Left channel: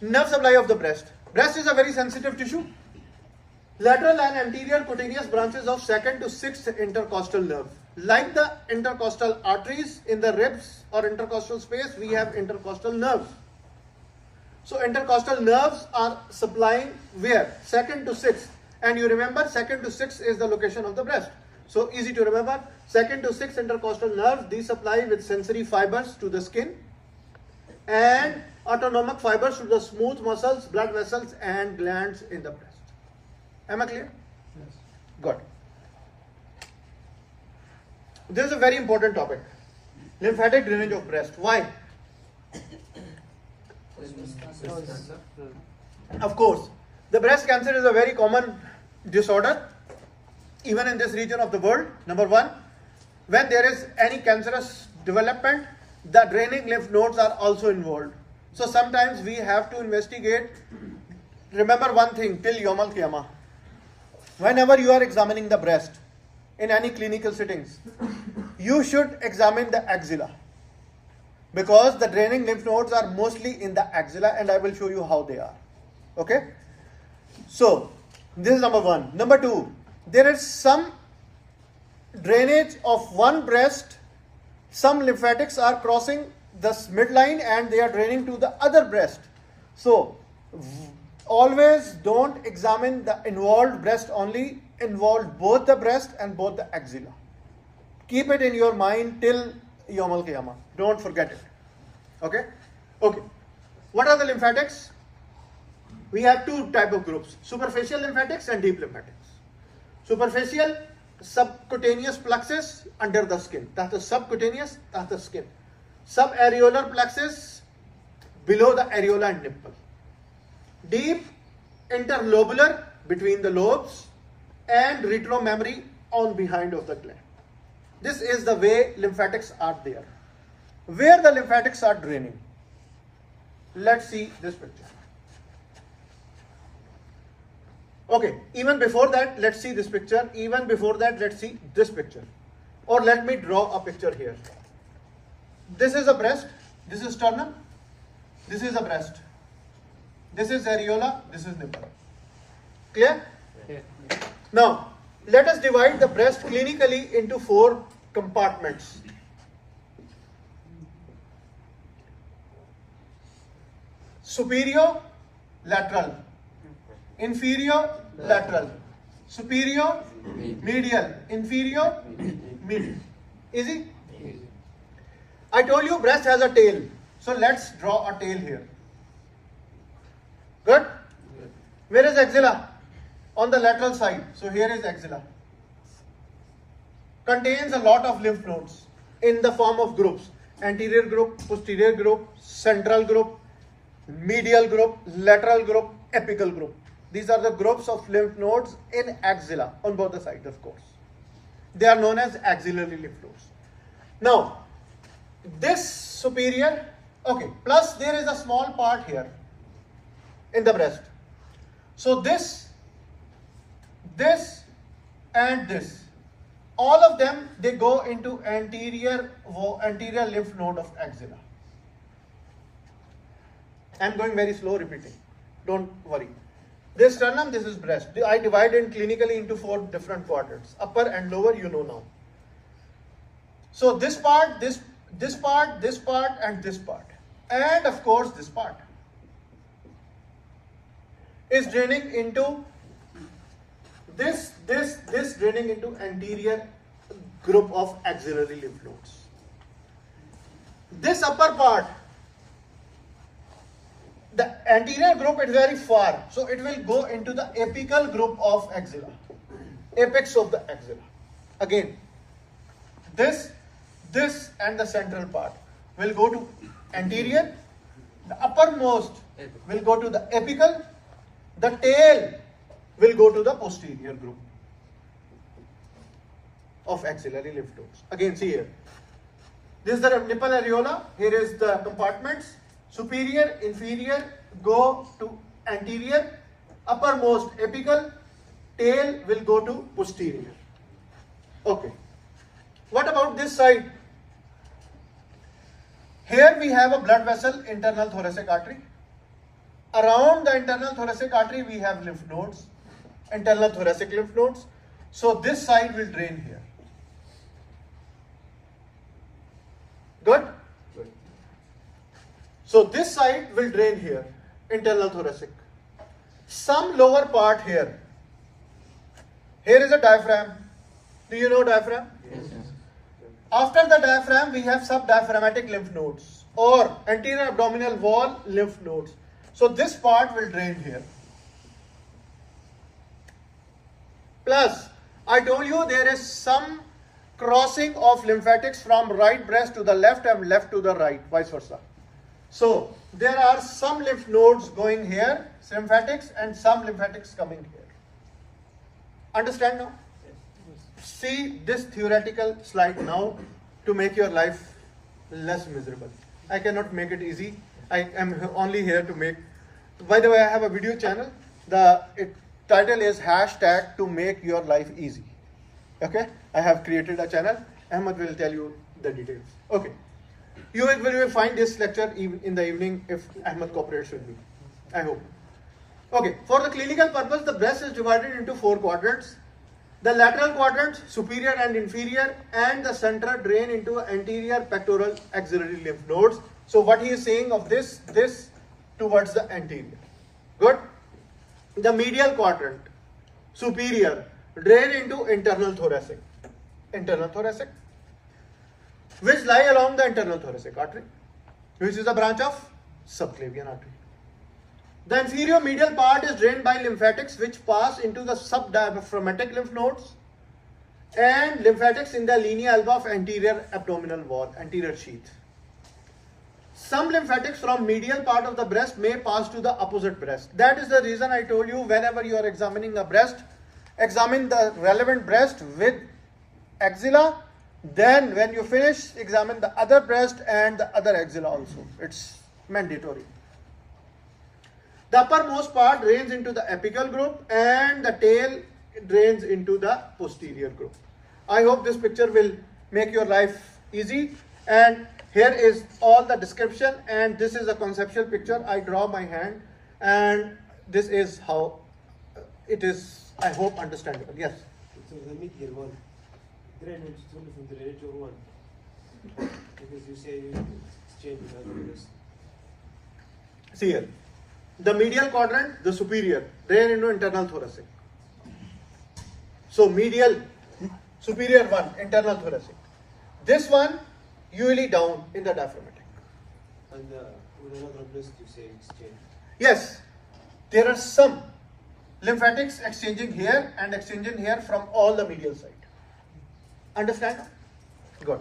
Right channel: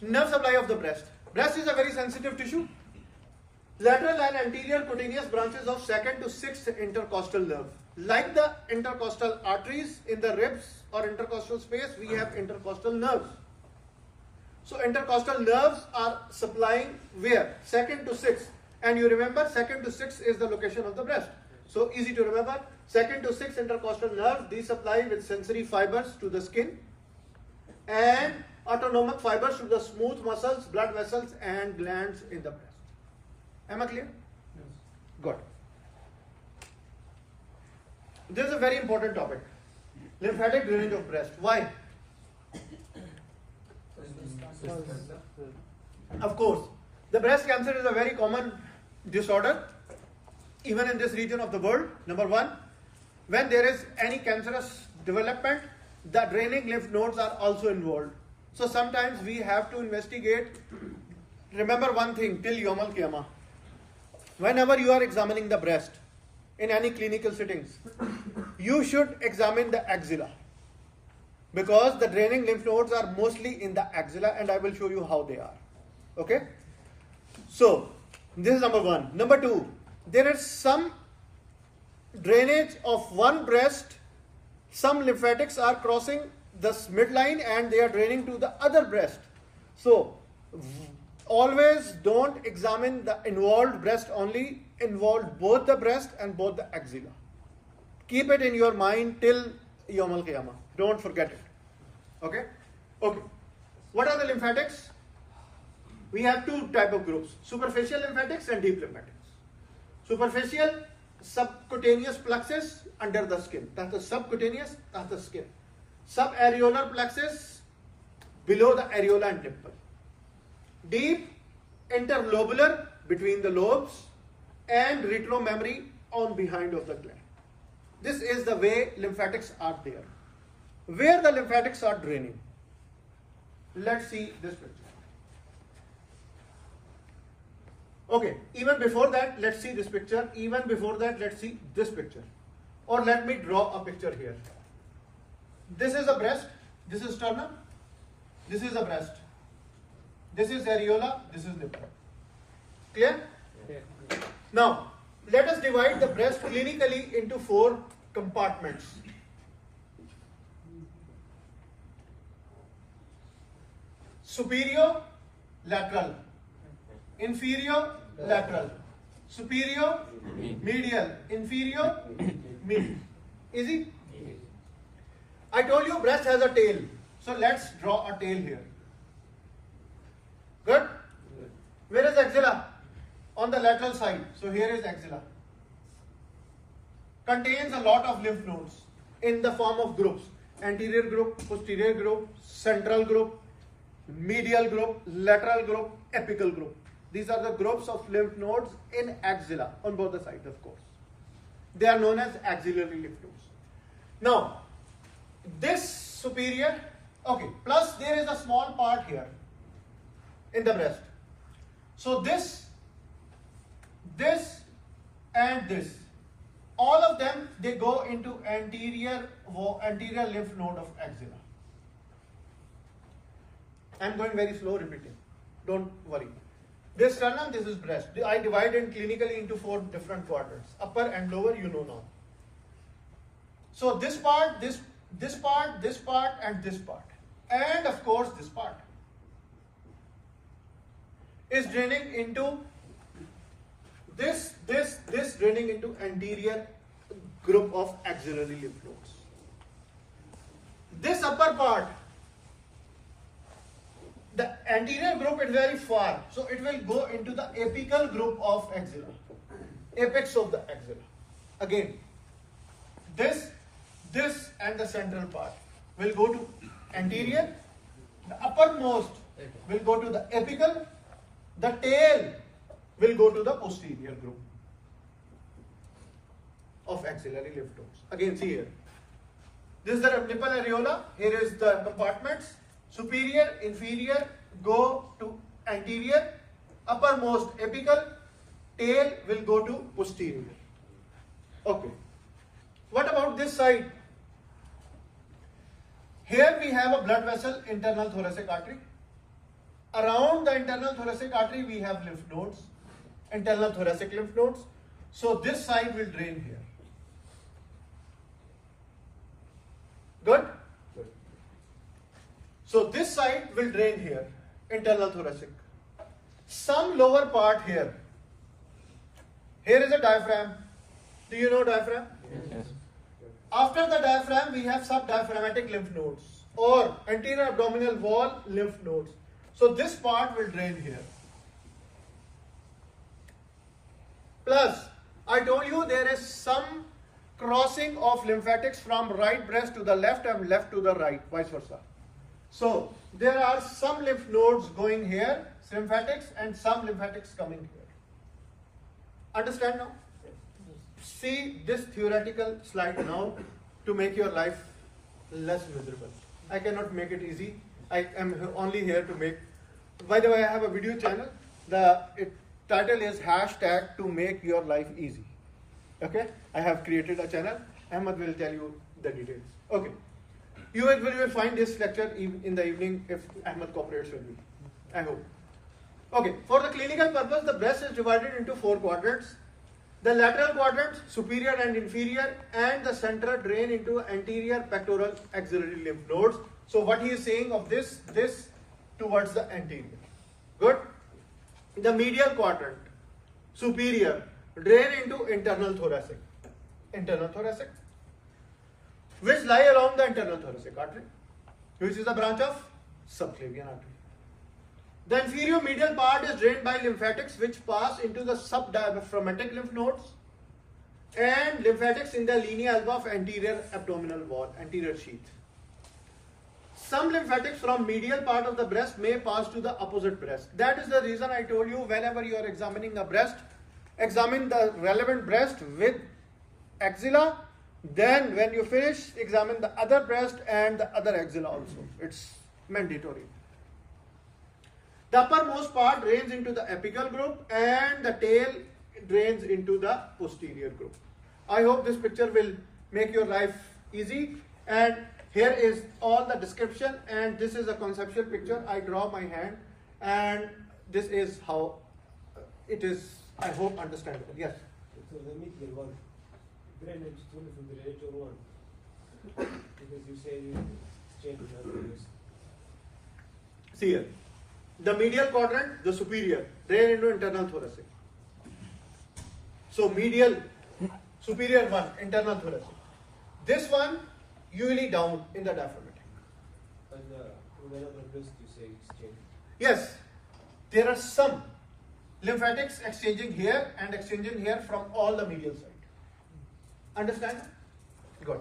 Nerve supply of the breast. Breast is a very sensitive tissue. Lateral and anterior cutaneous branches of 2nd to 6th intercostal nerve. Like the intercostal arteries in the ribs or intercostal space, we have intercostal nerves. So intercostal nerves are supplying where? 2nd to 6th. And you remember 2nd to 6th is the location of the breast. So easy to remember. 2nd to 6th intercostal nerves, these supply with sensory fibers to the skin and autonomic fibers to the smooth muscles, blood vessels and glands in the breast. Am I clear? Yes. Good. This is a very important topic. Lymphatic drainage of breast. Why? Of course, the breast cancer is a very common disorder, even in this region of the world. Number one, when there is any cancerous development, the draining lymph nodes are also involved. So sometimes we have to investigate. Remember one thing, till Yawm al-Qiyamah. Whenever you are examining the breast in any clinical settings, you should examine the axilla, because the draining lymph nodes are mostly in the axilla, and I will show you how they are. Okay? So, this is number one. Number two, there is some drainage of one breast. Some lymphatics are crossing the midline and they are draining to the other breast. So, always don't examine the involved breast only, involve both the breast and both the axilla. Keep it in your mind till Yawm al-Qiyamah. Don't forget it. Okay? Okay. What are the lymphatics? We have two type of groups, superficial lymphatics and deep lymphatics. Superficial, subcutaneous plexus under the skin. That's the subcutaneous, that's the skin. Subareolar plexus below the areola and nipple. Deep, interlobular between the lobes and retromammary on behind of the gland. This is the way lymphatics are there. Where the lymphatics are draining. Let's see this picture. Okay, even before that, let's see this picture. Even before that, let's see this picture. Or let me draw a picture here. This is a breast. This is sternum. This is a breast. This is areola. This is nipple. Clear? Yeah. Now, let us divide the breast clinically into 4 compartments. Superior, lateral. Inferior, lateral. Superior, medial. Inferior, medial. Easy? I told you breast has a tail. So let's draw a tail here. Good? Where is axilla? On the lateral side. So here is axilla. Contains a lot of lymph nodes in the form of groups. Anterior group, posterior group, central group, medial group, lateral group, apical group. These are the groups of lymph nodes in axilla on both the sides, of course. They are known as axillary lymph nodes. Now, this superior, okay, plus there is a small part here in the breast. So this and this, all of them, they go into anterior lymph node of axilla. I'm going very slow repeating. Don't worry. This sternum, this is breast. I divide it clinically into 4 different quadrants. Upper and lower, you know now. So this part, this part, this part and this part. And of course this part is draining into this draining into anterior group of axillary lymph nodes. This upper part, the anterior group is very far, so it will go into the apical group of axilla, apex of the axilla. Again, this and the central part will go to anterior, the uppermost will go to the apical, the tail will go to the posterior group of axillary lymph nodes. Again, see here. This is the nipple areola. Here is the compartments. Superior, inferior go to anterior, uppermost apical, tail will go to posterior. Okay. What about this side? Here we have a blood vessel, internal thoracic artery. Around the internal thoracic artery, we have lymph nodes, internal thoracic lymph nodes. So this side will drain here. Good? Good. So this side will drain here, internal thoracic. Some lower part here. Here is a diaphragm. Do you know diaphragm? Yes. After the diaphragm, we have subdiaphragmatic lymph nodes or anterior abdominal wall lymph nodes. So this part will drain here. Plus, I told you there is some crossing of lymphatics from right breast to the left and left to the right, vice versa. So there are some lymph nodes going here, lymphatics, and some lymphatics coming here. Understand now? See this theoretical slide now to make your life less miserable. I cannot make it easy. I am only here to make. By the way, I have a video channel. The title is hashtag to make your life easy. Okay, I have created a channel. Ahmed will tell you the details. Okay, you will find this lecture in the evening if Ahmed cooperates with me. I hope. Okay, for the clinical purpose, the breast is divided into 4 quadrants. The lateral quadrants, superior and inferior, and the center drain into anterior pectoral axillary lymph nodes. So what he is saying of this towards the anterior. Good. The medial quadrant, superior, drain into internal thoracic, which lie along the internal thoracic artery, which is a branch of subclavian artery. The inferior medial part is drained by lymphatics, which pass into the subdiaphragmatic lymph nodes and lymphatics in the linea alba of anterior abdominal wall, anterior sheath. Some lymphatics from medial part of the breast may pass to the opposite breast. That is the reason I told you whenever you are examining a breast, examine the relevant breast with axilla. Then when you finish, examine the other breast and the other axilla also. It's mandatory. The uppermost part drains into the apical group and the tail drains into the posterior group. I hope this picture will make your life easy. And here is all the description, and this is a conceptual picture. I draw my hand, and this is how it is, I hope, understandable. Yes? So the medial one, drainage is only from the radial one. Because you say it's changing over this. See here. The medial quadrant, the superior, drain into internal thoracic. So medial, superior one, internal thoracic. This one, usually down in the diaphragmatic. And with another breast you say it's changing. Yes, there are some lymphatics exchanging here and exchanging here from all the medial side. Understand? Good.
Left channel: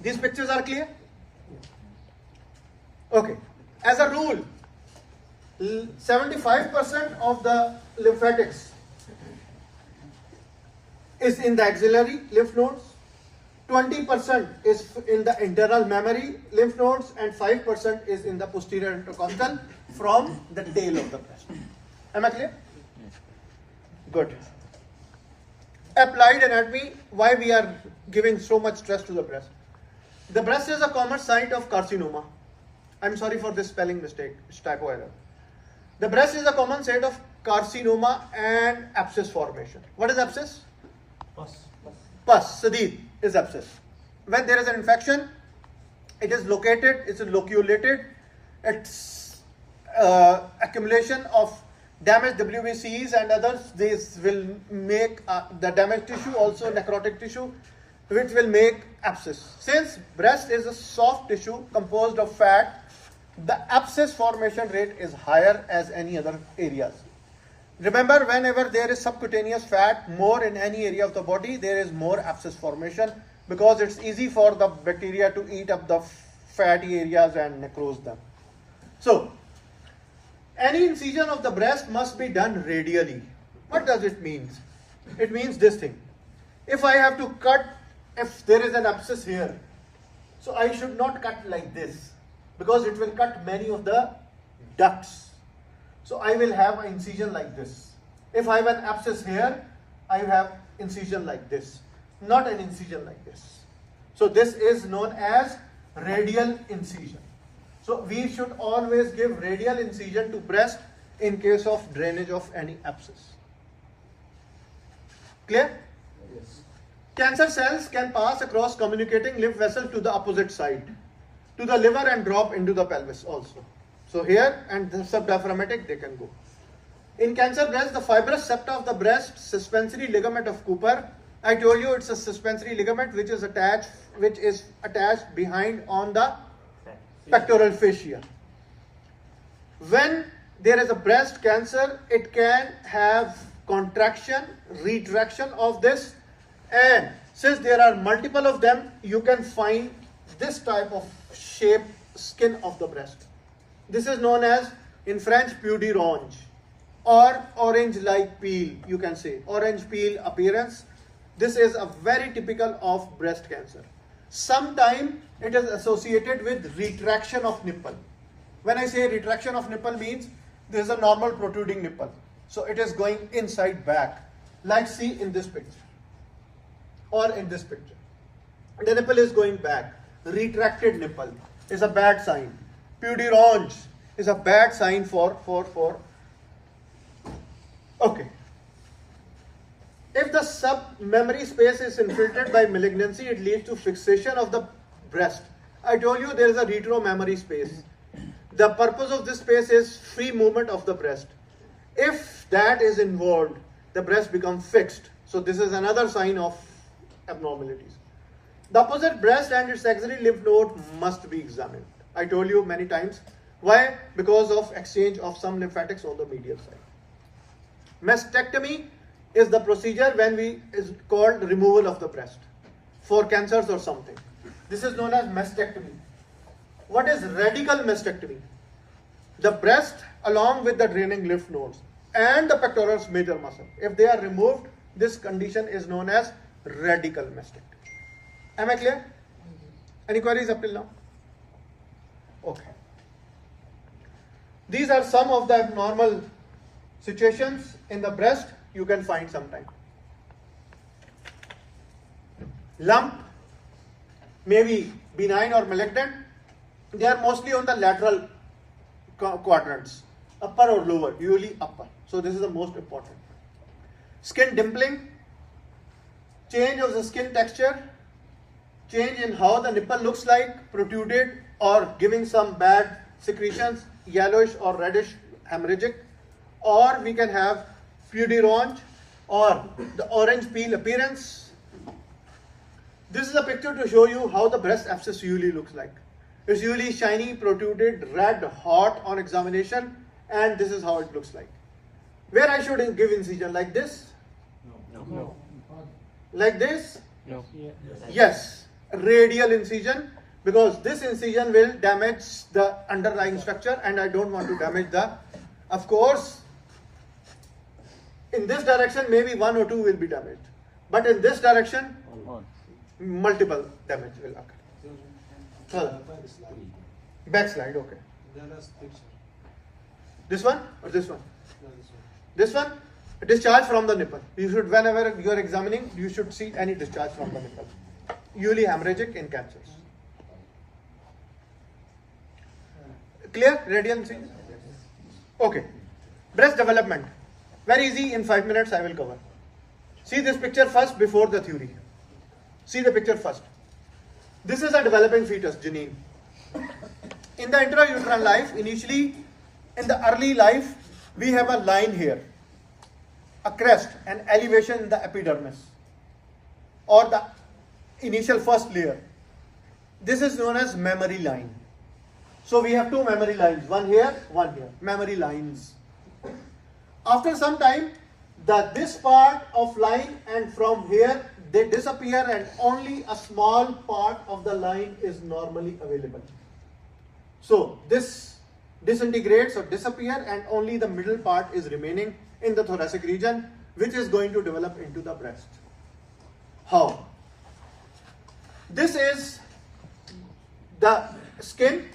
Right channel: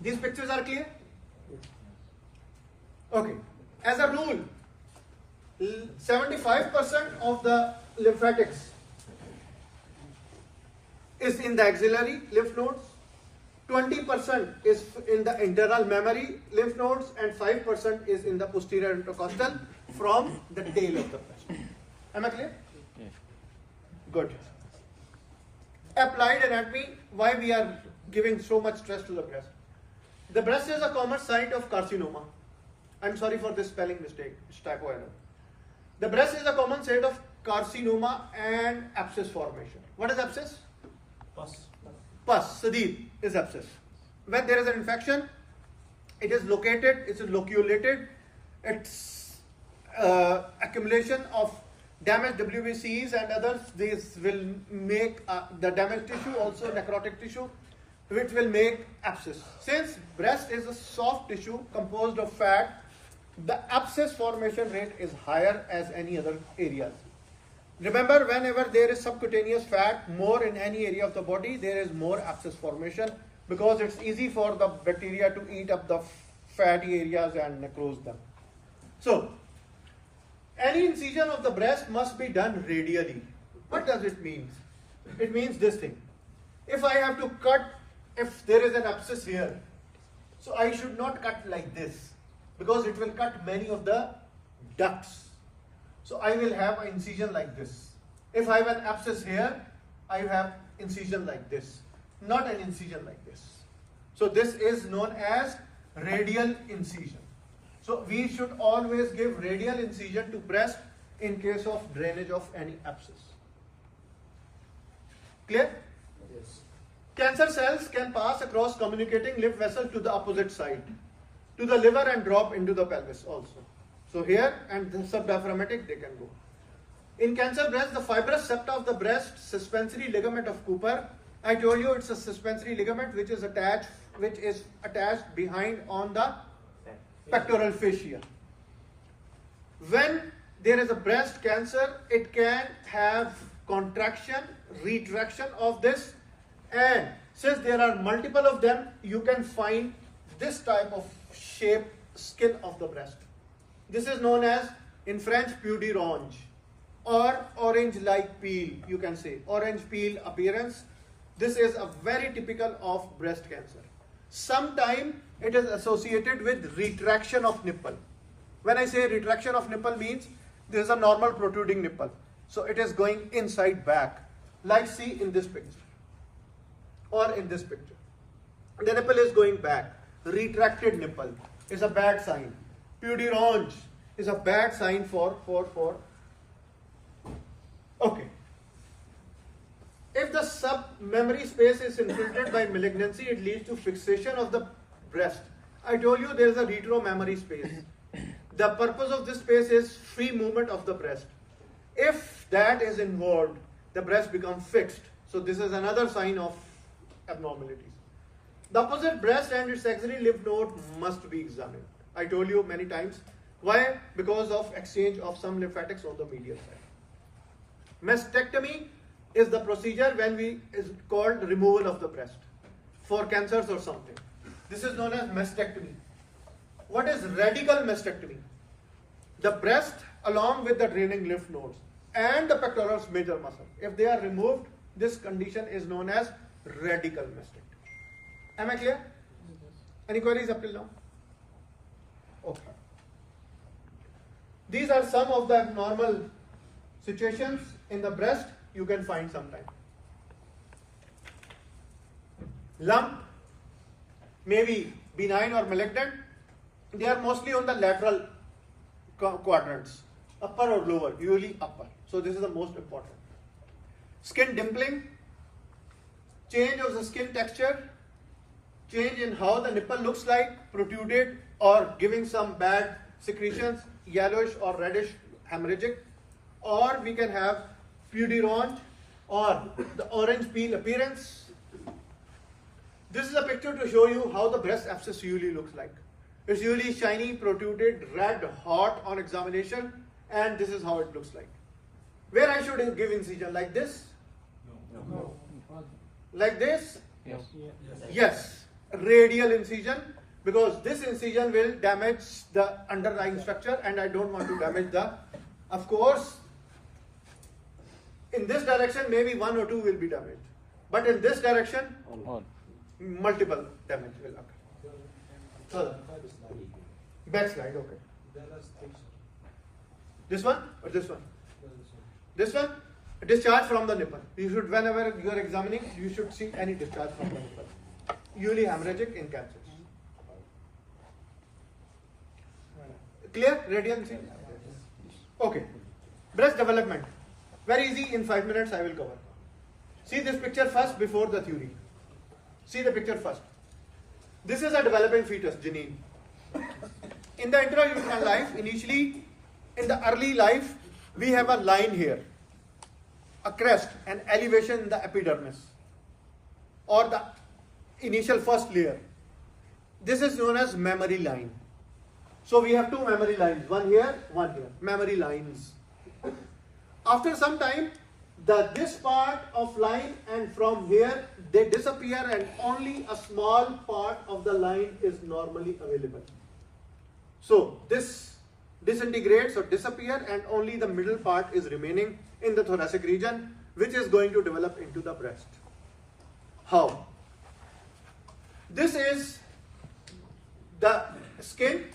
These pictures are clear? Okay. As a rule, 75% of the lymphatics is in the axillary lymph nodes, 20% is in the internal mammary lymph nodes, and 5% is in the posterior intercostal from the tail of the breast. Am I clear? Good. Applied anatomy, why we are giving so much stress to the breast. The breast is a common site of carcinoma. I'm sorry for this spelling mistake, it's typo error. The breast is a common site of carcinoma and abscess formation. What is abscess? Pus, sadid is abscess. When there is an infection, it is located, it's loculated, it's accumulation of damaged WBCs and others. This will make the damaged tissue, also necrotic tissue, which will make abscess. Since breast is a soft tissue composed of fat, the abscess formation rate is higher as any other areas. Remember, whenever there is subcutaneous fat more in any area of the body, there is more abscess formation because it's easy for the bacteria to eat up the fatty areas and necrose them. So, any incision of the breast must be done radially. What does it mean? It means this thing. If I have to cut, if there is an abscess here, so I should not cut like this because it will cut many of the ducts. So I will have an incision like this. If I have an abscess here, I have incision like this, not an incision like this. So this is known as radial incision. So we should always give radial incision to breast in case of drainage of any abscess. Clear? Yes. Cancer cells can pass across communicating lymph vessels to the opposite side, to the liver, and drop into the pelvis also. So here and the subdiaphragmatic they can go. In cancer breast, the fibrous septa of the breast suspensory ligament of Cooper. I told you it's a suspensory ligament which is attached behind on the pectoral fascia. When there is a breast cancer, it can have contraction, retraction of this, and since there are multiple of them, you can find this type of shape skin of the breast. This is known as, in French, peau d'orange or orange-like peel, you can say, orange peel appearance. This is a very typical of breast cancer. Sometimes it is associated with retraction of nipple. When I say retraction of nipple means this is a normal protruding nipple. So it is going inside back, like see in this picture or in this picture. The nipple is going back. Retracted nipple is a bad sign. Peau d'orange is a bad sign for. Okay. If the submammary space is infiltrated by malignancy, it leads to fixation of the breast. I told you there is a retromammary space. The purpose of this space is free movement of the breast. If that is involved, the breast becomes fixed. So this is another sign of abnormalities. The opposite breast and its axillary lymph node must be examined. I told you many times. Why? Because of exchange of some lymphatics on the medial side. Mastectomy is the procedure is called removal of the breast for cancers or something. This is known as mastectomy. What is radical mastectomy? The breast along with the draining lymph nodes and the pectoralis major muscle, if they are removed, this condition is known as radical mastectomy. Am I clear? Any queries up till now? Okay. These are some of the abnormal situations in the breast you can find sometime. Lump may be benign or malignant. They are mostly on the lateral quadrants, upper or lower, usually upper. So this is the most important. Skin dimpling, change of the skin texture, change in how the nipple looks like, protruded or giving some bad secretions, yellowish or reddish hemorrhagic, or we can have peau d'orange or the orange peel appearance. This is a picture to show you how the breast abscess usually looks like. It's usually shiny, protruded, red, hot on examination, and this is how it looks like. Where I should give incision, like this? No. Like this? Yes. Yes, radial incision, because this incision will damage the underlying structure and I don't want to damage the, of course, in this direction maybe one or two will be damaged, but in this direction multiple damage will occur. Backslide, okay. This one or this one? This one? Discharge from the nipple. You should, whenever you are examining, you should see any discharge from the nipple. Usually hemorrhagic in cancers. Clear? Radial incision? Okay. Breast development. Very easy, in 5 minutes I will cover. See this picture first before the theory. See the picture first. This is a developing fetus, Janine. In the intrauterine life, initially, in the early life, we have a line here, a crest, an elevation in the epidermis, or the initial first layer. This is known as mammary line. So we have two mammary lines, one here, mammary lines. After some time, this part of line and from here, they disappear and only a small part of the line is normally available. So this disintegrates or disappear and only the middle part is remaining in the thoracic region, which is going to develop into the breast. How? This is the skin.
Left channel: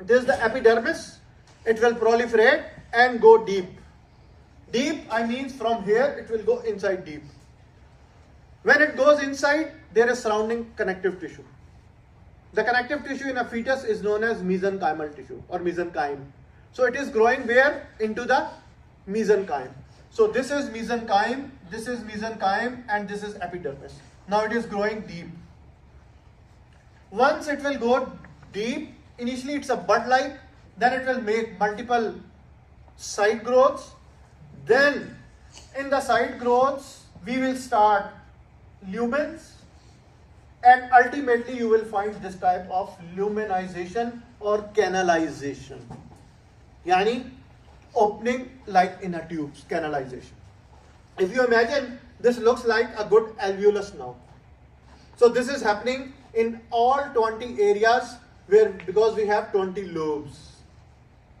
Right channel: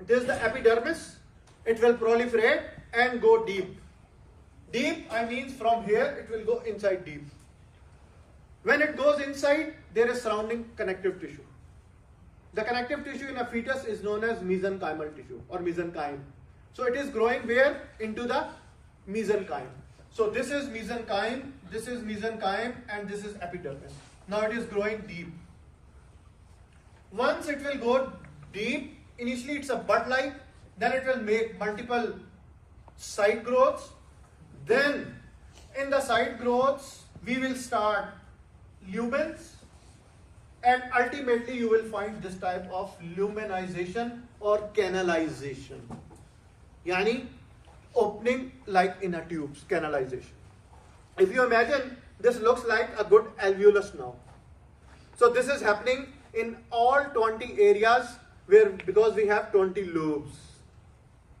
This is the epidermis. It will proliferate and go deep. Deep, I mean from here it will go inside deep. When it goes inside, there is surrounding connective tissue. The connective tissue in a fetus is known as mesenchymal tissue or mesenchyme. So it is growing where? Into the mesenchyme. So this is mesenchyme, and this is epidermis. Now it is growing deep. Once it will go deep, initially it's a bud-like, then it will make multiple side growths. Then in the side growths, we will start lumens, and ultimately you will find this type of luminization or canalization. Yani opening like in a tube, canalization. If you imagine, this looks like a good alveolus now. So this is happening in all 20 areas where, because we have 20 lobes.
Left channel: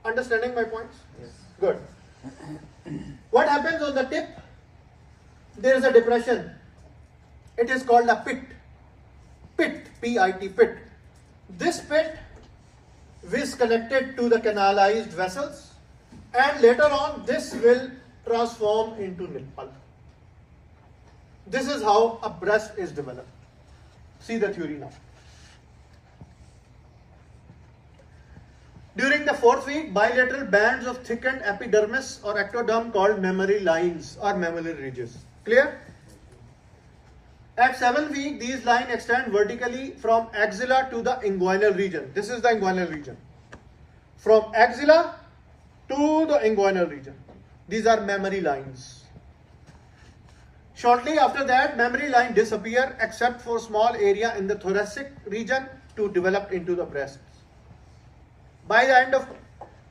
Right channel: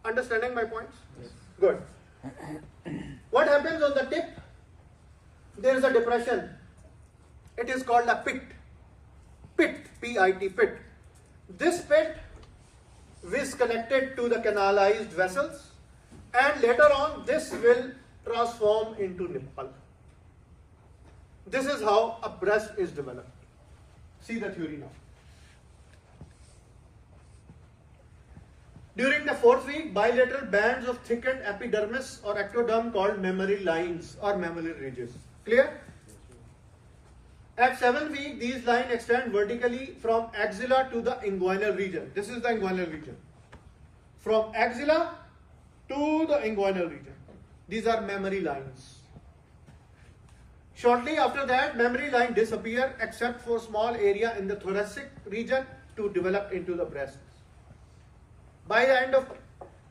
Understanding my points? Yes. Good. What happens on the tip? There is a depression. It is called a pit. Pit, P-I-T, pit. This pit is connected to the canalized vessels, and later on this will transform into nipple. This is how a breast is developed. See the theory now. During the 4th week, bilateral bands of thickened epidermis or ectoderm called mammary lines or mammary ridges. Clear? At 7th week, these lines extend vertically from axilla to the inguinal region. This is the inguinal region. From axilla to the inguinal region. These are mammary lines. Shortly after that, mammary line disappear except for small area in the thoracic region to develop into the breast. By the end of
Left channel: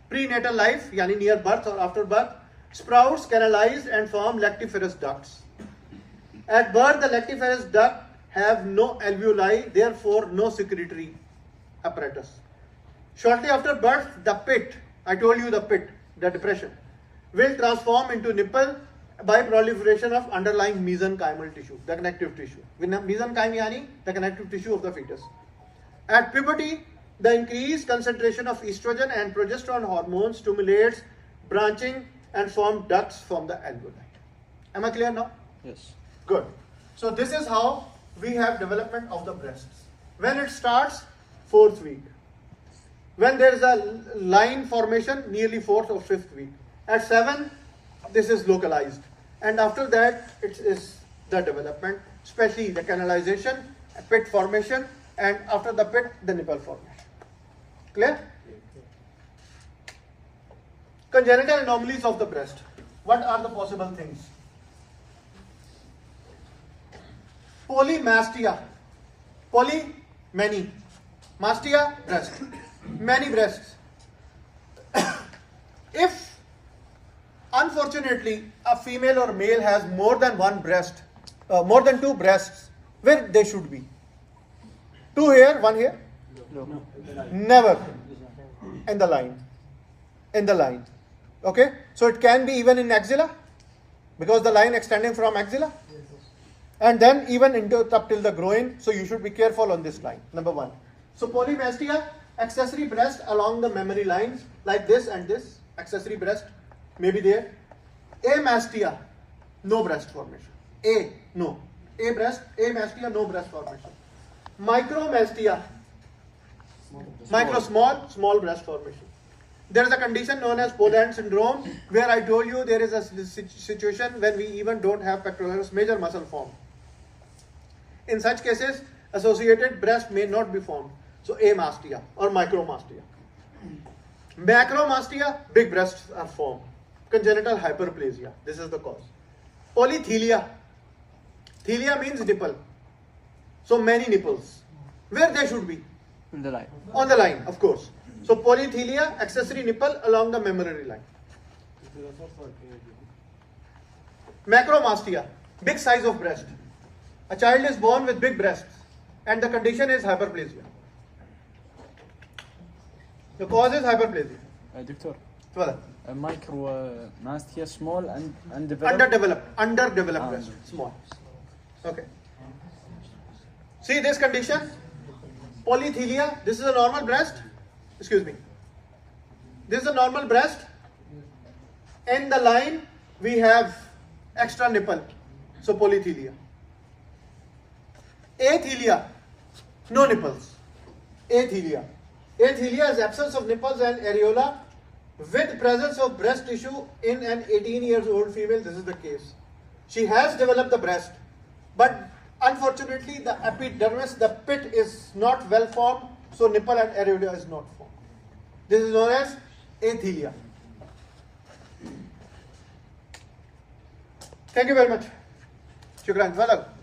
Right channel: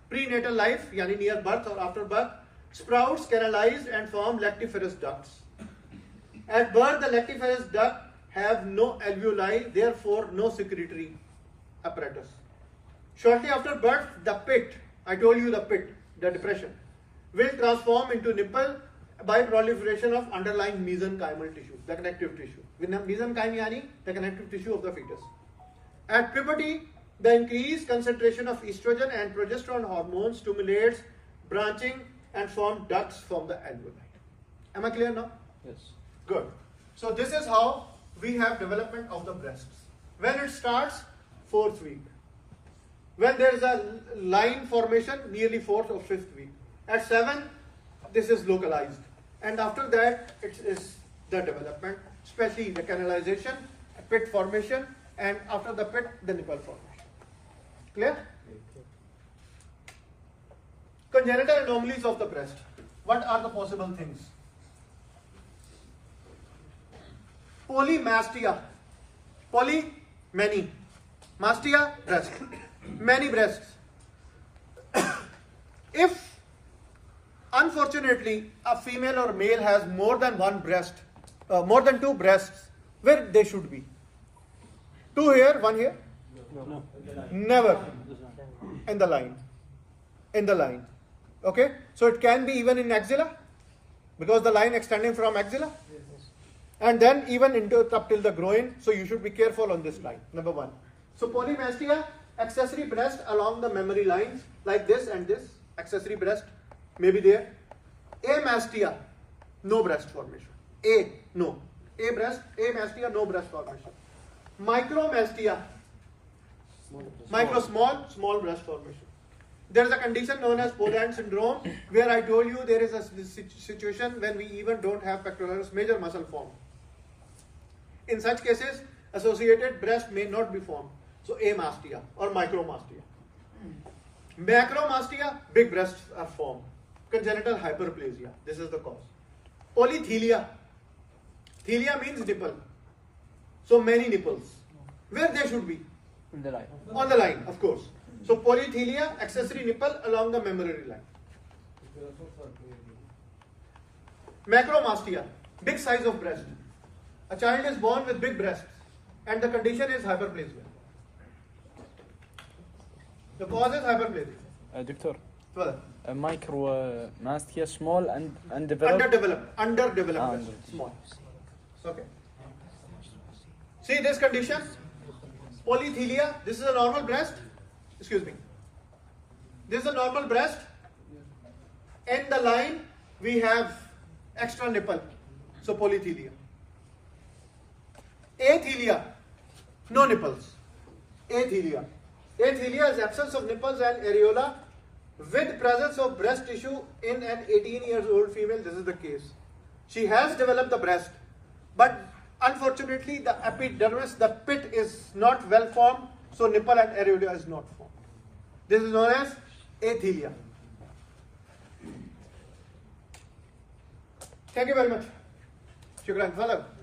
prenatal life, yani near birth or after birth, sprouts canalize and form lactiferous ducts. At birth, the lactiferous duct have no alveoli, therefore no secretory apparatus. Shortly after birth, the pit, I told you the pit, the depression, will transform into nipple by proliferation of underlying mesenchymal tissue, the connective tissue. Mesenchyme yani the connective tissue of the fetus. At puberty, the increased concentration of estrogen and progesterone hormones stimulates branching and form ducts from the alveoli. Am I clear now? Yes. Good. So this is how we have development of the breasts. When it starts, 4th week. When there is a line formation, nearly 4th or 5th week. At 7, this is localized. And after that, it is the development, especially the canalization, pit formation, and after the pit, the nipple formation. Clear? Congenital anomalies of the breast. What are the possible things? Polymastia. Poly, many. Mastia, breast. Many breasts. If unfortunately a female or male has more than one breast, more than 2 breasts, where they should be? 2 here, 1 here? No. Never. In the line. In the line. Okay? So it can be even in axilla, because the line extending from axilla. And then even into up till the groin. So you should be careful on this line. Number 1. So polymastia, accessory breast along the mammary lines, like this and this. Accessory breast may be there. Amastia, no breast formation. A, no. A breast, amastia, no breast formation. Micromastia, small breast formation. There is a condition known as Poland syndrome, where I told you there is a situation when we even don't have pectoralis major muscle formed. In such cases, associated breast may not be formed. So amastia or micromastia. Macromastia, big breasts are formed. Congenital hyperplasia, this is the cause. Polythelia. Thelia means nipple. So many nipples. Where they should be? In the line. On the line, of course. So polythelia, accessory nipple along the mammary line. Macromastia, big size of breast. A child is born with big breasts and the condition is hyperplasia. The cause is hyperplasia. دكتور Well, micro mastia small and undeveloped. underdeveloped breast, small. Okay. See this condition? Polythelia, this is a normal breast. Excuse me. This is a normal breast. In the line, we have extra nipple. So polythelia. Athelia, no nipples. Athelia. Athelia is absence of nipples and areola with presence of breast tissue in an 18-year-old female. This is the case. She has developed the breast, but unfortunately the epidermis, the pit, is not well formed, so nipple and areola is not formed. This is known as athelia. Thank you very much. Shukran.